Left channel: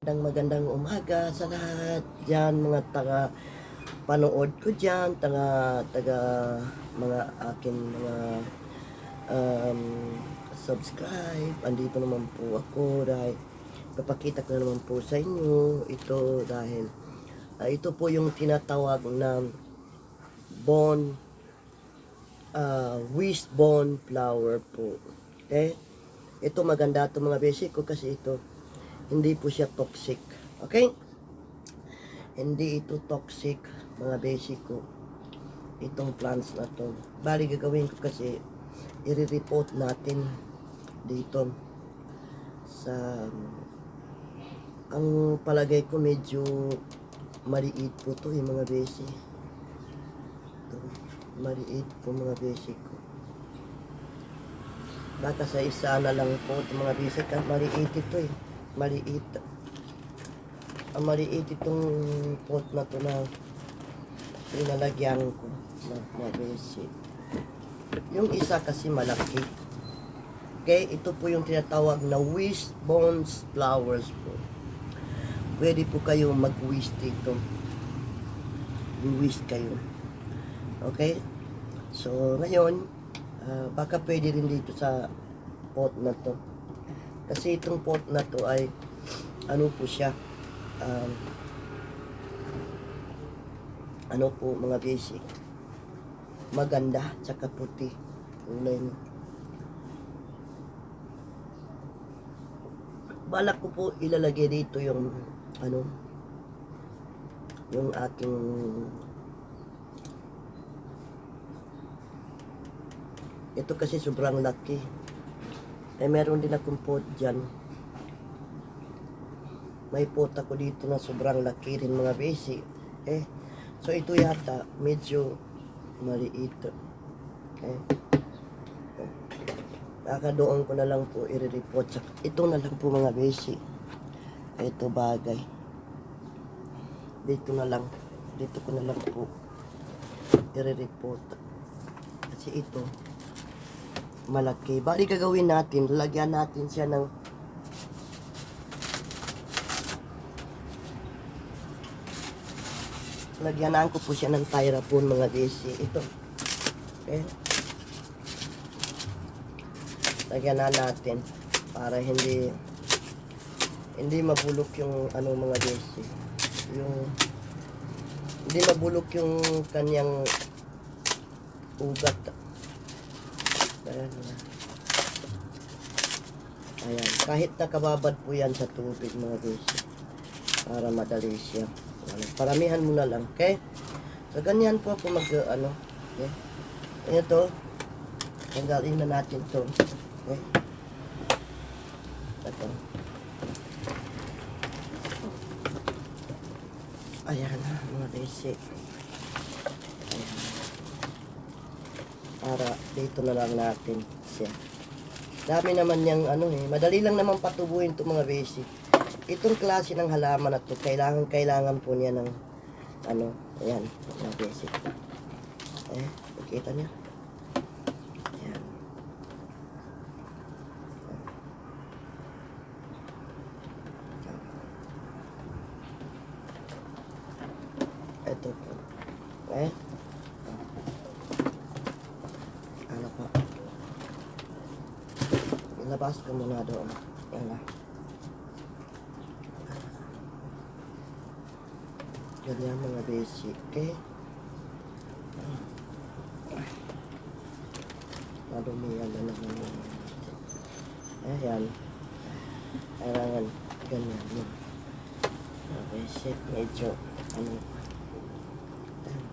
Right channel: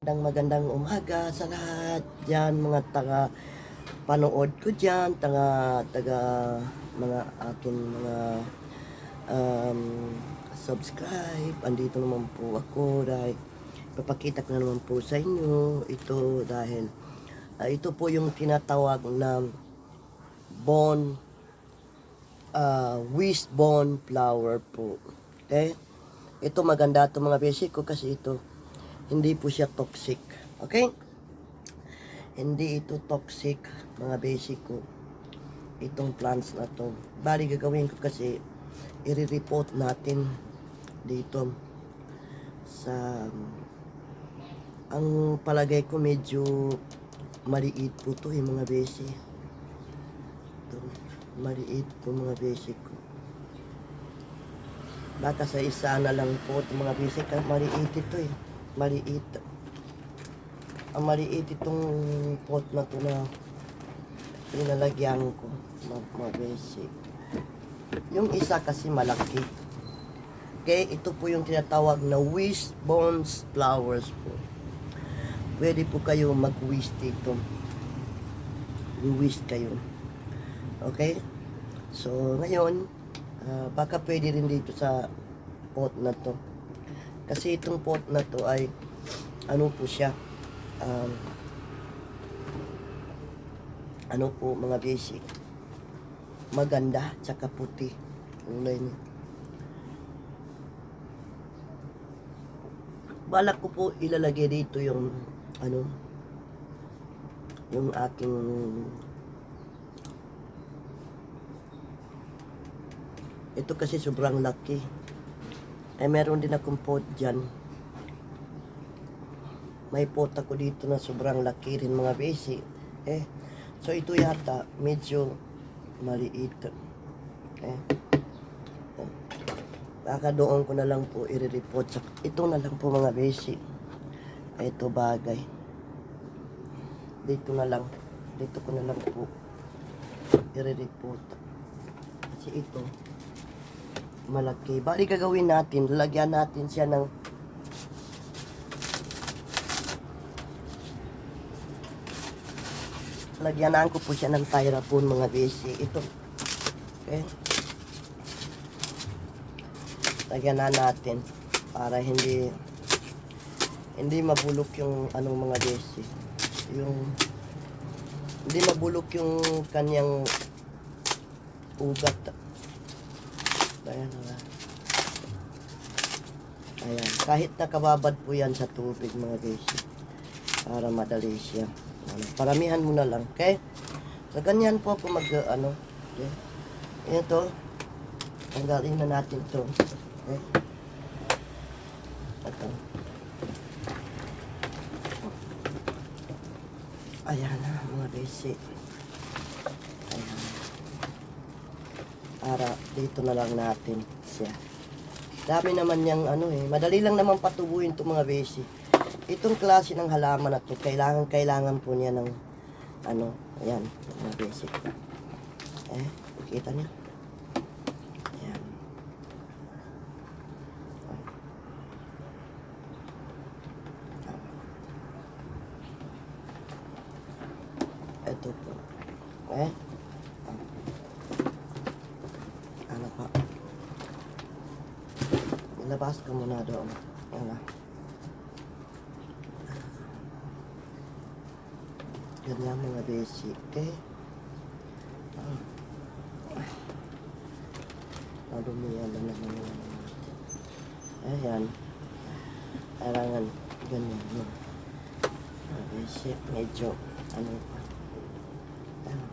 Magandang umaga sa lahat dyan, mga taga panood ko dyan, taga mga akin mga um, subscribe. Andito naman po ako dahil papakita ko na naman po sa inyo ito dahil ito po yung tinatawag na bone wishbone flower po. Okay, ito maganda ito mga basic ko kasi ito hindi po siya toxic. Okay? Hindi ito toxic, mga basic ko. Itong plants na to. Bali gagawin ko kasi i-report natin dito sa ang palagay ko medyo maliit po to yung mga basic. Ito, maliit po mga basic ko. Baka sa isa na lang po itong mga basic. Maliit ito eh. Maliit. Ang maliit itong pot na ito na pinalagyan ko mga basic. Yung isa kasi malaki. Okay, ito po yung tinatawag na wishbone flowers po. Pwede po kayo mag-wish dito. Wish kayo. Okay, so ngayon baka pwede rin dito sa pot na to. Kasi itong pot na to ay ano po siya, ano po mga basic, maganda tsaka puti kulay niya. Balak ko po ilalagay dito yung ano, yung aking ito kasi sobrang laki. Meron din akong pot dyan. May pot ako dito na sobrang laki rin mga basic. So ito yata medyo maliit. Kakadoon ko na lang po i-report. Ito na lang po mga basic. Ito bagay. Dito ko na lang po i-report. Kasi ito malaki. Bali gagawin natin, lalagyan natin siya ng lagyanan ko po siya ng styrofoam mga basic. Ito. Okay. Lagyanan natin para hindi mabulok yung ano mga basic. Yung hindi mabulok yung kanyang ugat. Ayan. Ayan. Kahit nakababad po yan sa tubig mga basic. Para madali siya. Paramihan mo na lang. Okay? So, ganyan po ako ano. Okay? Ito. Tanggalin na natin ito. Okay? Ito. Ayan. Mga basic. Ayan. Para dito na lang natin siya. Dami naman yung ano eh. Madali lang naman patubuin ito mga basic. Itong klase ng halaman na to, kailangan po niya ng ano, ayan, mga basic. Nakita niyo? Ayan. Ito po. Ano pa? Ilabas ko muna doon. Ano? Ganyan mga basic. Okay? Madumihan na naman. Ayan. Kailangan ganyan yun. Mga basic. Medyo ano. Ayan.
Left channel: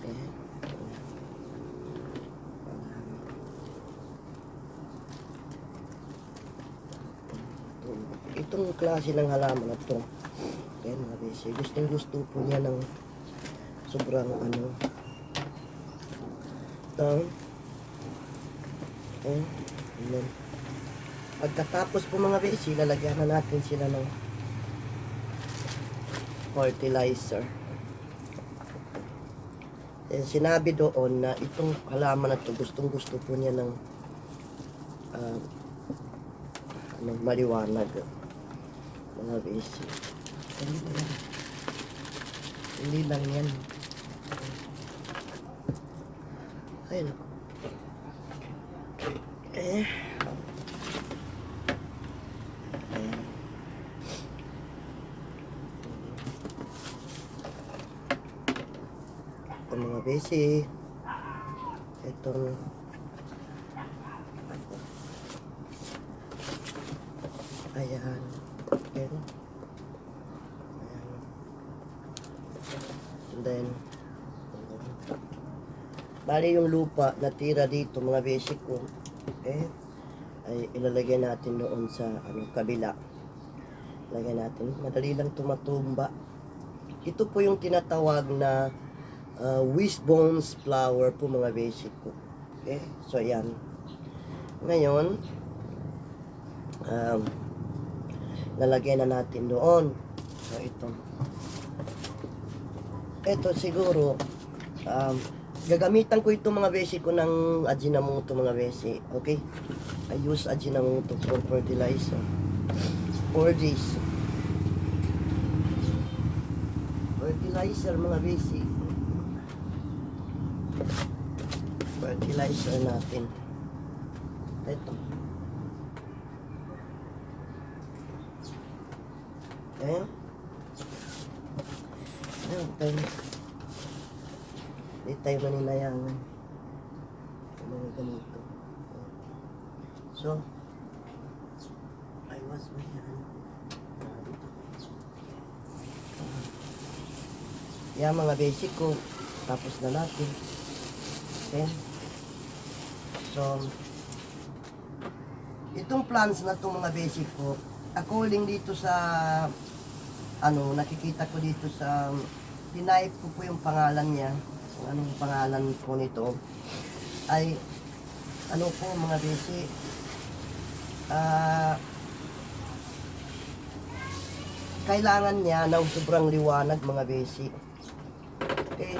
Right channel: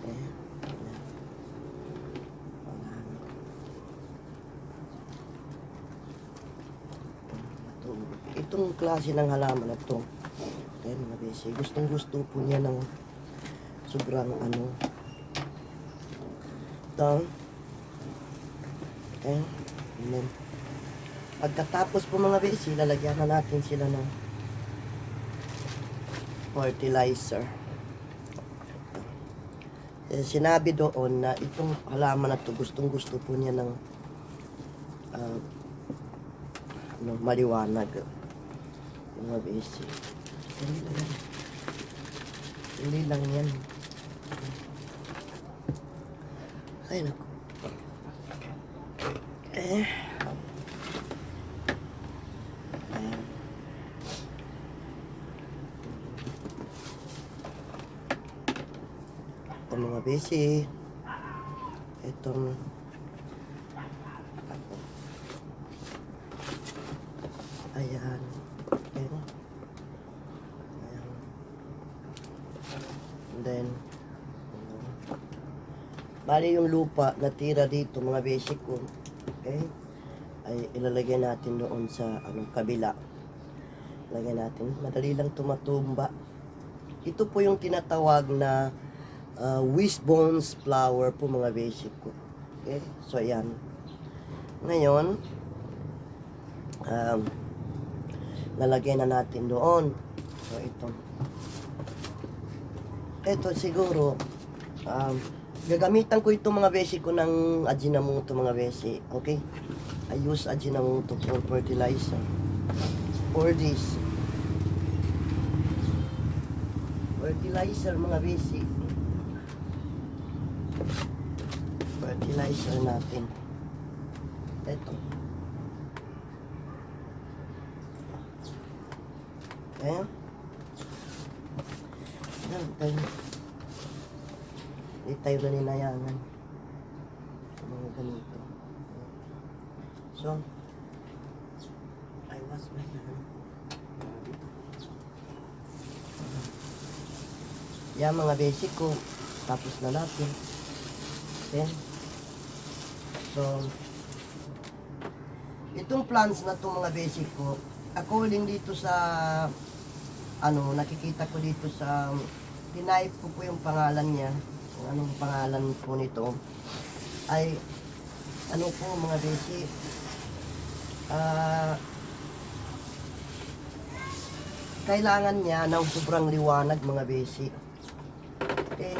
Okay. Itong klase ng halaman na ito, ayan mga basic, gustong gusto po niya ng sobrang ano down. Ayan. Pagkatapos po mga basic, lalagyan na natin sila ng fertilizer. Sinabi doon na itong halaman na ito, gustong gusto po niya ng uh, maliwanag mga basic. Hindi lang yan. Ay naku. Ayan. Ito mga basic. Itong ayan. Ayan. And then bali yung lupa na tira dito mga basic ko, okay, ay ilalagay natin doon sa kabila. Lagay natin, madali lang tumatumba. Ito po yung tinatawag na wishbones flower po mga basic ko. Okay, so ayan. Ngayon lalagay na natin doon. So ito siguro gagamitan ko itong mga basic ko ng Ajinomoto mga basic. Okay, I use Ajinomoto for fertilizer for this fertilizer mga basic. Fertilizer natin ito. Ayan. Ayan, tayo. Hindi tayo ganinayangan. Mga ganito. So, I was my hand. Yan mga basic ko. Tapos na natin. Ayan. So, itong plants na itong mga basic ko, according dito sa nakikita ko dito sa tinipe ko po yung pangalan niya, kung anong pangalan po nito ay po mga basic, kailangan niya ng sobrang liwanag mga basic. Okay,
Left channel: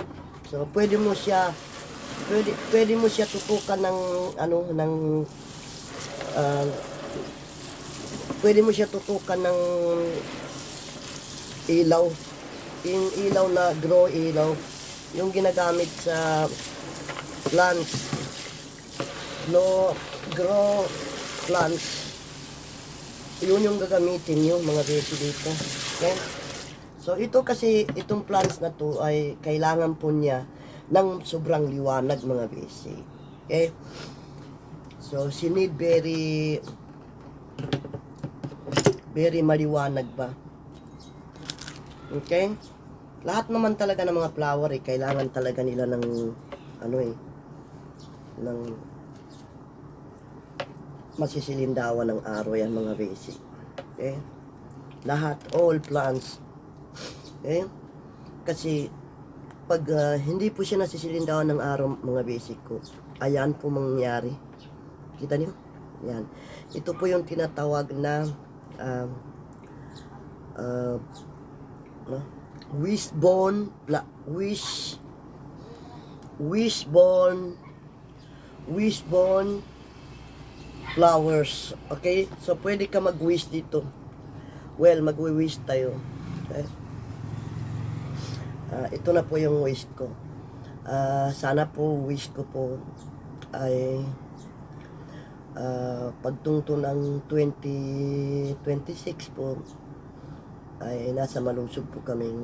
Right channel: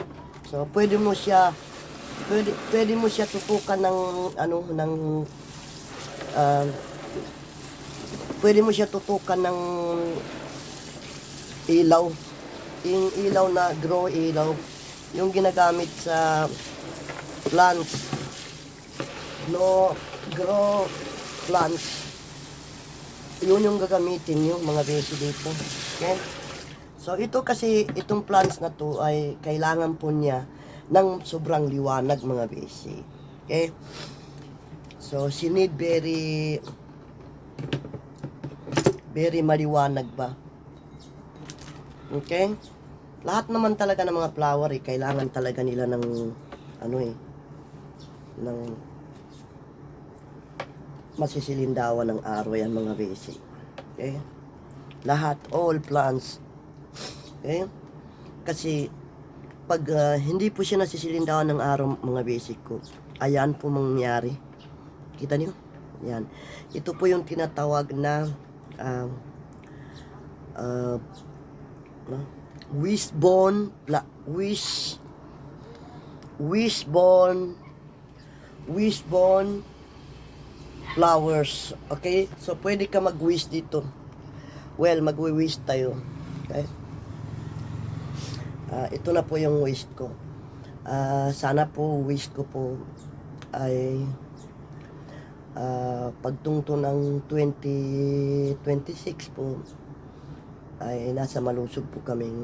so pwede mo siya tutukan ng pwede mo siya tutukan ng ilaw. Yung ilaw na grow ilaw, yung ginagamit sa plants, no grow plants, yun yung gagamitin yung mga basic dito. Okay? So ito kasi, itong plants na to ay kailangan po niya ng sobrang liwanag mga basic. Okay? So she need very maliwanag ba. Okay? Lahat naman talaga ng mga flower kailangan talaga nila ng ng masisilindawan ng araw yan mga basic. Okay? Lahat, all plants. Okay? Kasi pag hindi po siya nasisilindawan ng araw mga basic ko, ayan po mangyayari. Kita niyo? Yan. Ito po yung tinatawag na wishbone flowers. Okay? So pwede ka mag-wish dito. Well, mag-wish tayo. Okay? Ito na po yung wish ko. Sana po wish ko po ay pagtungto ng 2026 po ay nasa malusog po kaming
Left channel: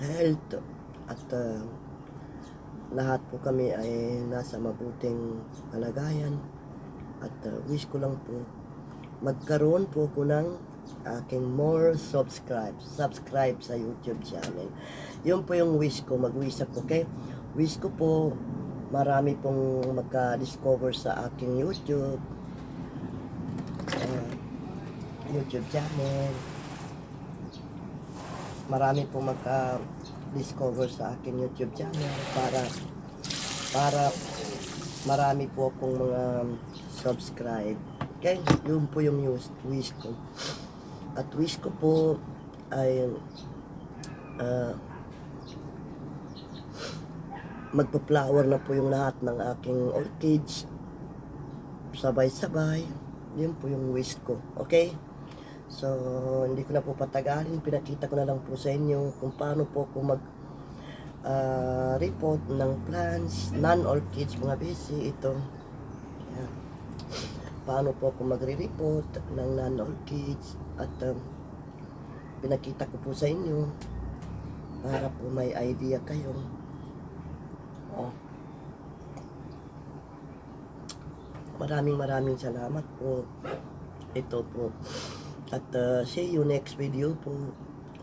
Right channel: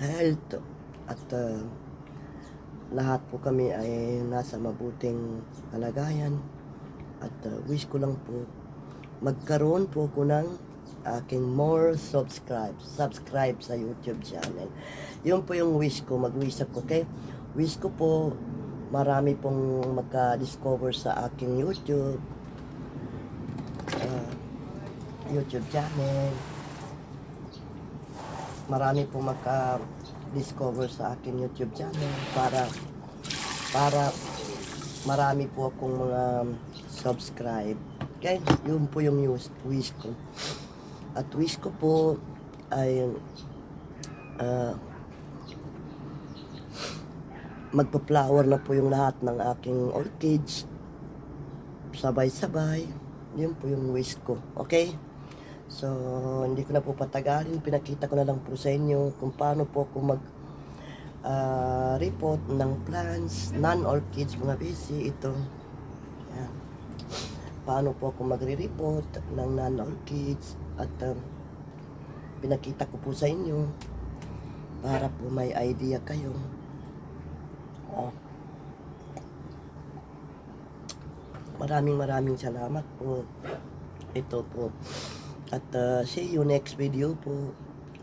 health at lahat po kami ay nasa mabuting kalagayan at wish ko lang po magkaroon po ko ng aking more subscribe sa YouTube channel. Yun po yung wish ko, mag-wish ako. Okay? Wish ko po marami pong magka-discover sa aking YouTube channel. Marami pong magka-discover sa aking YouTube channel para marami po akong mga subscribe. Okay? Yun po yung wish ko. At wish ko po ay magpo-flower na po yung lahat ng aking orchids. Sabay-sabay. Yun po yung wish ko. Okay? So, hindi ko na po patagalin. Pinakita ko na lang po sa inyo kung paano po ako report ng plants, non-orchids, mga busy. Ito. Ayan. Paano po ako magre-report ng non-orchids. At pinakita ko po sa inyo para po may idea kayo. Maraming salamat po. Ito po. At see you next video po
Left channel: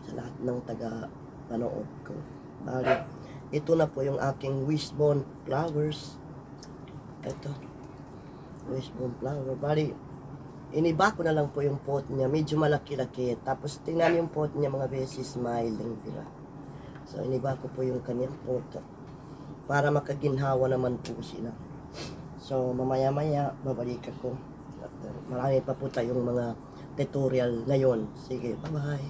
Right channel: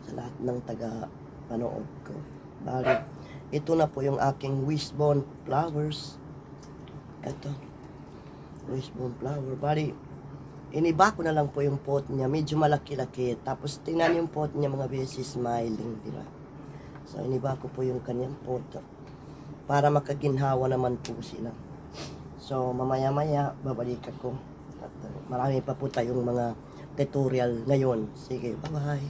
sa lahat ng taga-panood ko. Bali, ito na po yung aking wishbone flowers. Ito. Wishbone flower. Bali, iniba ko na lang po yung pot niya. Medyo malaki-laki. Tapos tingnan yung pot niya mga beses smiling. Diba? So, iniba ko po yung kanyang pot. Para makaginhawa naman po sila. So, mamaya-maya, babalik ako. At marami pa po tayong mga tutorial ngayon. Sige, bye-bye.